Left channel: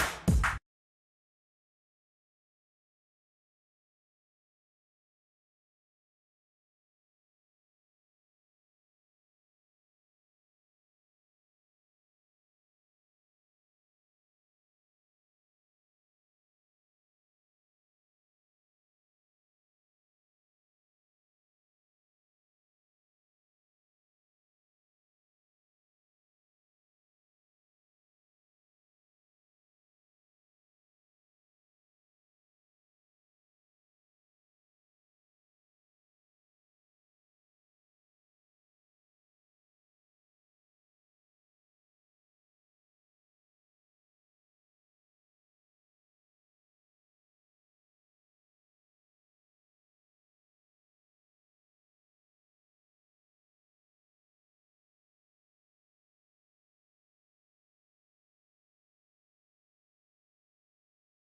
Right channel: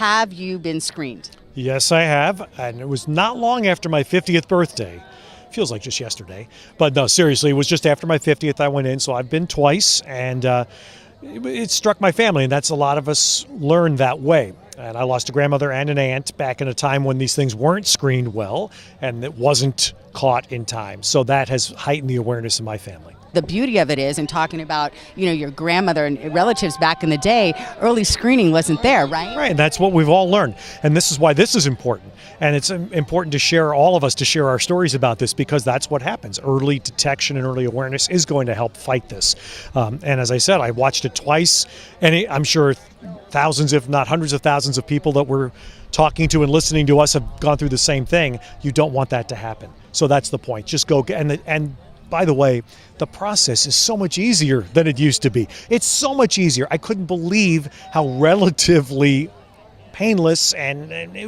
Have you been screened? Yes, I have, and it was not long after my 50th birthday. Feels like just yesterday, but no, seriously, it was just after my 50th I went in, so I've been twice, and it struck my family, and that's a lot of us learn that way. And I lost a grandmother and an aunt back in a time when these things weren't screened well, and it wasn't caught in time. So that has heightened the awareness in my family. The beauty of it is, in talking about, your grandmother and relatives back in the day, early screening wasn't there, right? Right, and that's what we've all learned. And this is why this is important. And it's important to share, all of us to share our stories about this, because that's what happens. Early detection and early awareness is going to help fight this. And as I said, I watched it twice, and I'm sure thousands, if not hundreds of thousands of people that we're talking to and listening to us have gone through the same thing. You don't want that to happen. So that's the point. Just go, and by the way, the process is so much easier than it used to be. It's so much easier. I couldn't believe how relatively painless, and it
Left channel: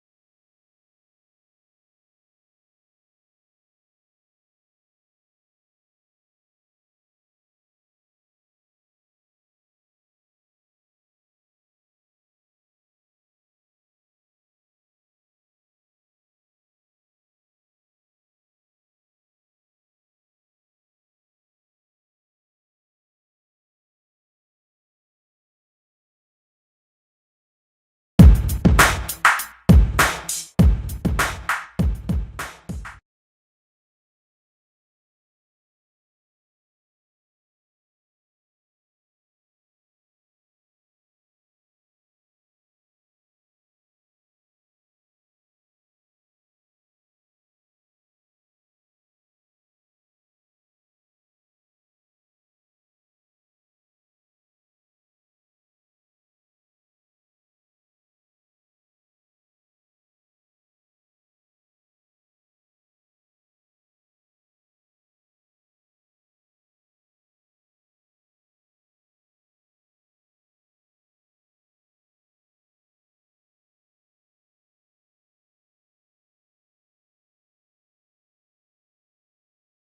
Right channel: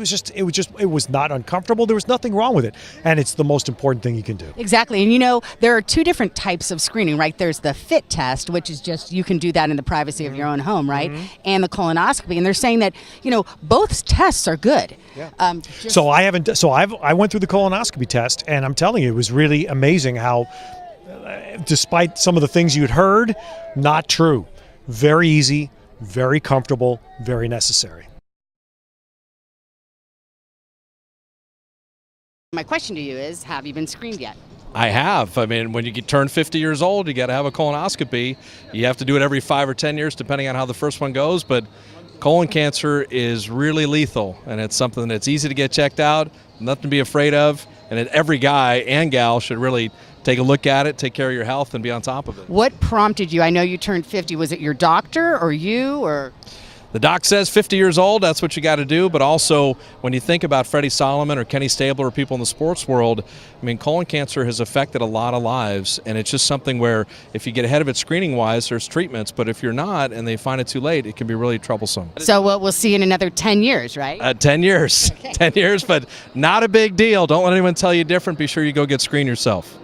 was not uncomfortable. There was nothing wrong with it, and it's the most important thing you can do. Exactly. And there are two different types of screening, right? There's the FIT test, which is just, you can do that in the privacy of your own home, right? Mm-hmm. And the colonoscopy, and they're saying that both tests are good. Yeah. I went through the colonoscopy test, and I'm telling you, it was really amazing how, despite some of the things you'd heard, not true. Very easy, very comfortable, very necessary. My question to you is, have you been screened yet? I have. I mean, when you turn 50 years old, you got to have a colonoscopy. You have to do it every 5 or 10 years, depending on how the first one goes. But colon cancer is really lethal, and it's something that's easy to get checked out, nothing to be afraid of, and every guy and gal should really take a look at it, take care of your health, and be on top of it. What prompted you? I know you turned 50. Was it your doctor or you, or? The doc says 50 years old, that's what you got to do, but also when you think about Freddie Solomon or Kenny Stabler or people in the sports world, I mean, colon cancer has affected a lot of lives, and it's just something where if you get ahead of it screening-wise, there's treatments, but if you're not and they find it too late, it can be really troublesome. So we'll see in another 10 years, right? 10 years. Okay. 10 years, but not a big deal. Don't let anyone tell you different. Be sure you go get screened yourself.